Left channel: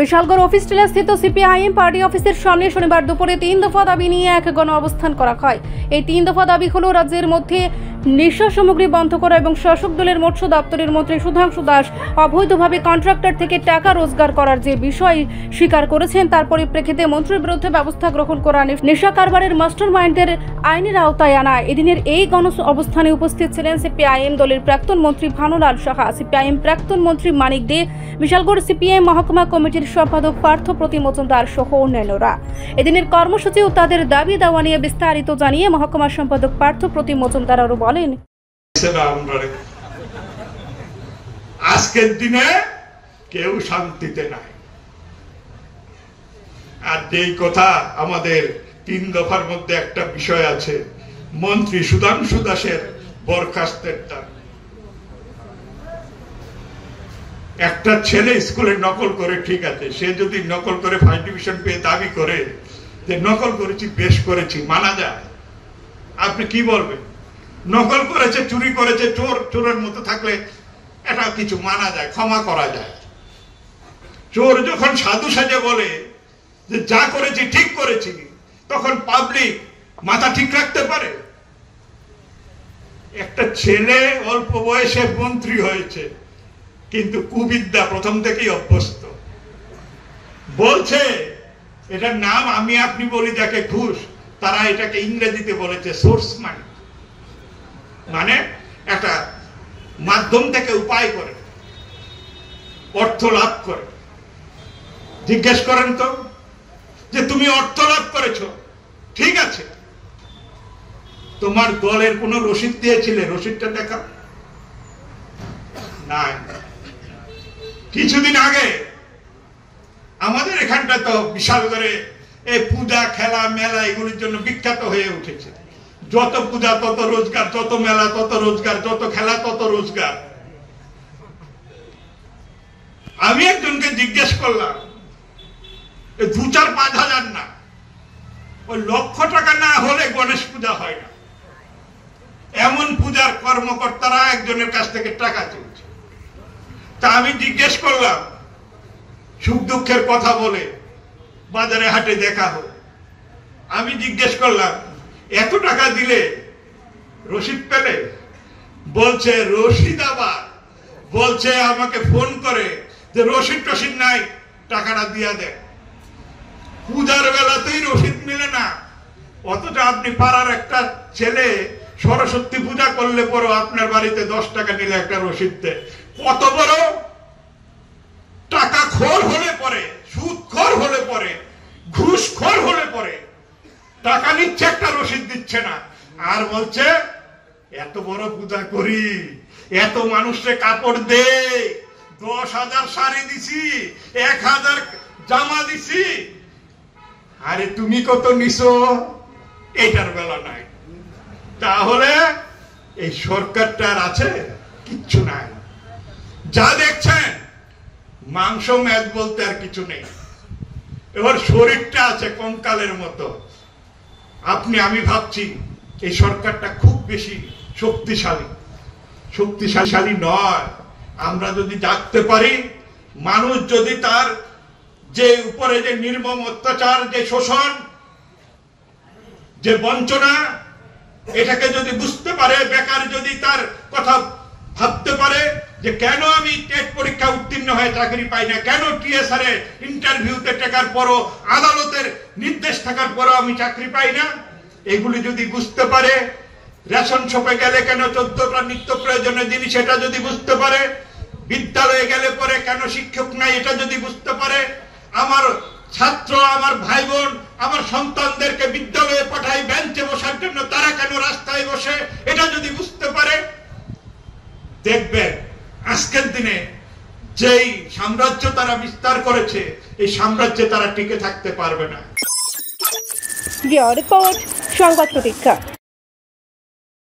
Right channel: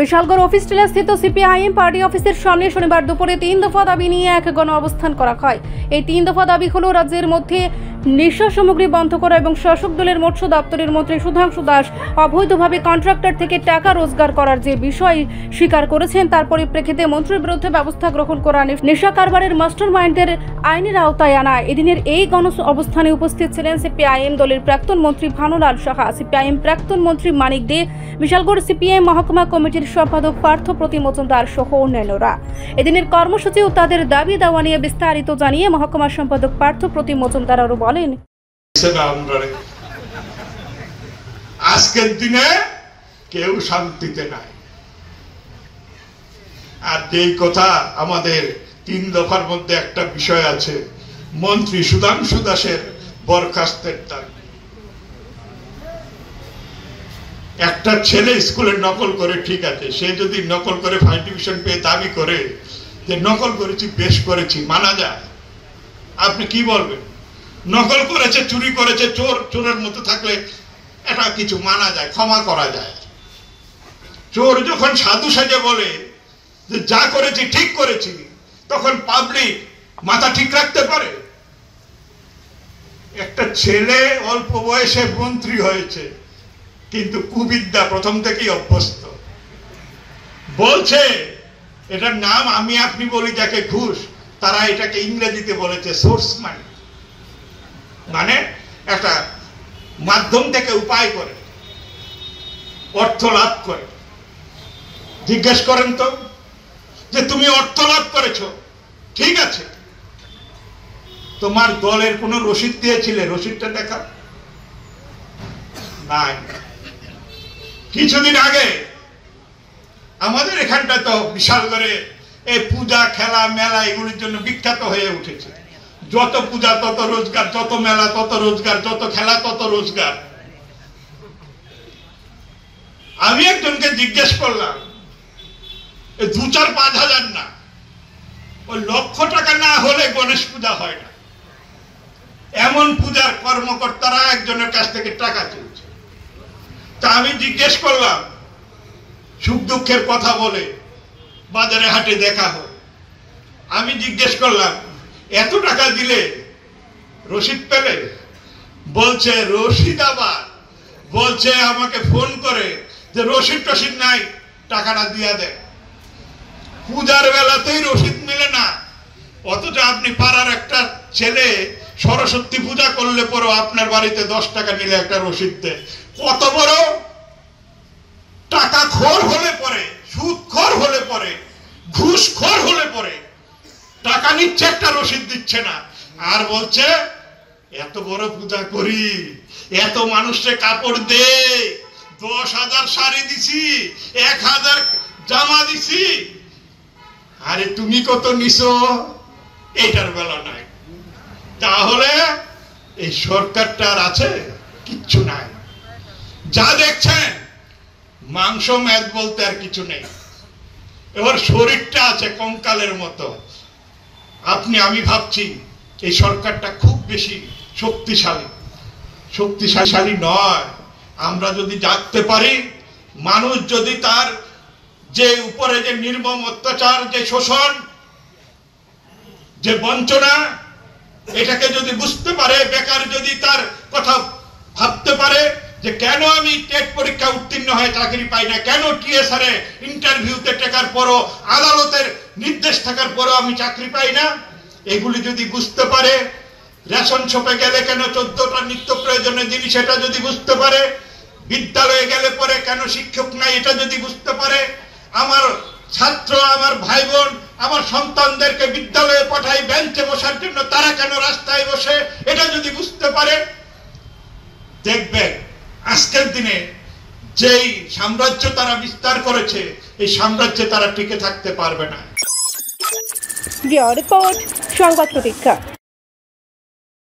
Bishalgarh office টিলা স্থিত CPIM party অফিসের সামনে শনিবার দুপুরে 3 দফা দাবি নিয়ে এক গণ অবস্থান করা হয়। এই 3 দফা দাবি হলো রাজ্যের মধ্যে নেশা সামগ্রী বন্ধ করা এবং শাসক দলের মৎস্য দপ্তরের মন্ত্রী সুধাংশু দাস অবৈধভাবে কন্ট্রাক্টর থেকে টাকা রোজগার করার যে বিষয় স্বীকার করেছেন তার পরিপ্রেক্ষিতে মন্ত্রীর বিরুদ্ধে ব্যবস্থা গ্রহণ করা, নেশা কারবারের মাস্টার মাইন্ডদের আইনের আওতায় আনা। এদিনের এই গণ অবস্থানে উপস্থিত ছিলেন সিপিআইএম দলের প্রাক্তন মন্ত্রী ভানুলাল সাহা, সিপিআইএম প্রাক্তন মন্ত্রী মানিক দে, বিশালগড় সিপিআইএম মহকুমা কমিটির সম্পাদক পার্থ প্রতিম মজুমদার সহ অন্যান্যরা। এদিনের কর্মসূচি ও তাদের দাবি দেওয়া নিয়ে বিস্তারিত জানিয়ে মহকুমা সম্পাদক পার্থ প্রতিম মজুমদার আরো বলেন, আজকের দিনে কেউ শান্তিতে নাই। আর এই কথা আমাদের 3 দফার মধ্যে একটা বিষয় আছে, মন্ত্রী সুধাংশু দাসের বরখাস্তের দাবি। একটা ছেলে স্কুলে নকল করে, ঠিক আছে, সে যদি নকল করে ফার্স্ট ডিভিশন পেয়ে দাবি করে যে নকল করেছি, বেশ করেছি, মানা যায়। আপনি কি বলবেন? নকল করেছে, চুরি করেছে, চোর চোরের মতো থাকলে এটা কিছু মানা যায়, ক্ষমা করা যায়। চোর যখন সাধু সাজে বলে যে যা করেছি ঠিক করেছি, তখন পাবলিক মাথা ঠিক রাখতে পারে? একটা ছেলে অল্প বয়সে মন্ত্রী হয়েছে, কিন্তু কুবিদ্যা প্রথম থেকেই অভ্যস্ত। বলছে এটার নাম আমি আপনি বলি যাকে ঘুষ, তারা এটাকে ইংরেজিতে বলেছে সোর্স মানি, মানে একটা মাধ্যম থেকে উপায় করে অর্থ লাভ করে। জিজ্ঞেস করেন তো যে তুমি অর্থ লাভ করেছো, ঠিক আছে, তোমার দলের কোন রসিদ দিয়েছিলে? রসিদটা দেখা নাই। কিছুদিন আগে আমাদের এখানটা তো বিশালগড়ে এই পূজা, খেলা, মেলা এগুলির জন্য বিখ্যাত হয়ে উঠেছে। যত পূজা তত রোজগার, যত মেলা তত রোজগার, যত খেলা তত রোজগার। আমি একজনকে জিজ্ঞেস করলাম, 2-4-5 হাজার না, ওই লক্ষ টাকা না হলে গণেশ পূজা হয় না। এমন পূজার কর্মকর্তারা একজনের কাছ থেকে টাকা তুলছে। তা আমি জিজ্ঞেস করলাম, সুখ দুঃখের কথা বলে বাজারে হাটে দেখা হয়, আমি জিজ্ঞেস করলাম এত টাকা দিলে রসিদ পেলে? বলছে রসিদ, আবার বলছে আমাকে ফোন করে যে রসিদ টসিদ নাই, টাকাটা দিয়া দেয়। পূজার বেলাতেই রসিদ মিলে না, অথচ আপনি পাড়ার একটা ছেলে সরস্বতী পূজা করলে পরও আপনার বাড়িতে 10 টাকা নিলে একটা রসিদ দেয়। কত বড় টাকা খোর হলে পরে, সুদ খোর হলে পরে, ঘুষ খোর হলে পরে টাকা নিচ্ছে, একটা রসিদ দিচ্ছে না। আর বলছে এত বড় পূজা করি, এত মানুষকে কাপড় দে, 10,000 শাড়ি দিছি, 1,000 জামা দিছি, আরে তুমি কত নিছো? এটার বেলা নাই। তাহলে এই সরকারটার আছে কিচ্ছু নাই। যা দেখছেন মাংস মেদ বলতে আর কিছু নেই। এবার শরীরটা আছে কঙ্কালের মতো। আমি ভাবছি এই সরকারটা খুব বেশি শক্তিশালী নয়। আমরা যদি জাগতে পারি, মানুষ যদি তার যে উপরে যে নির্মম অত্যাচার, যে শোষণ, যে বঞ্চনা, এটাকে যদি বুঝতে পারে, বেকার যদি তার কথা ভাবতে পারে যে কেন আমি টেট পরীক্ষা উত্তীর্ণ হয়ে চাকরি পাই না, কেন টিএসআর এ ইন্টারভিউতে টেকার পরও, আদালতের নির্দেশ থাকার পরও আমি চাকরি পাই না, এগুলি যদি বুঝতে পারে, রেশন শপে গেলে কেন 14টা নিত্য প্রয়োজনীয় জিনিস, এটা যদি বুঝতে পারে, বিদ্যালয়ে গেলে পরে কেন শিক্ষক নাই, এটা যদি বুঝতে পারে, আমার ছাত্র, আমার ভাই বোন, আমার সন্তানদেরকে বিদ্যালয়ে পাঠাই বেঞ্চে বসার জন্য, তারা কেন রাস্তায় বসে, এটা যদি বুঝতে পারে, দেখবেন আজকের দিনে যেই সাম্রাজ্য তারা বিস্তার করেছে, এই সাম্রাজ্যে তারা টিকে থাকতে পারবে না। রিপোর্ট সংবাদ প্রতীক্ষা।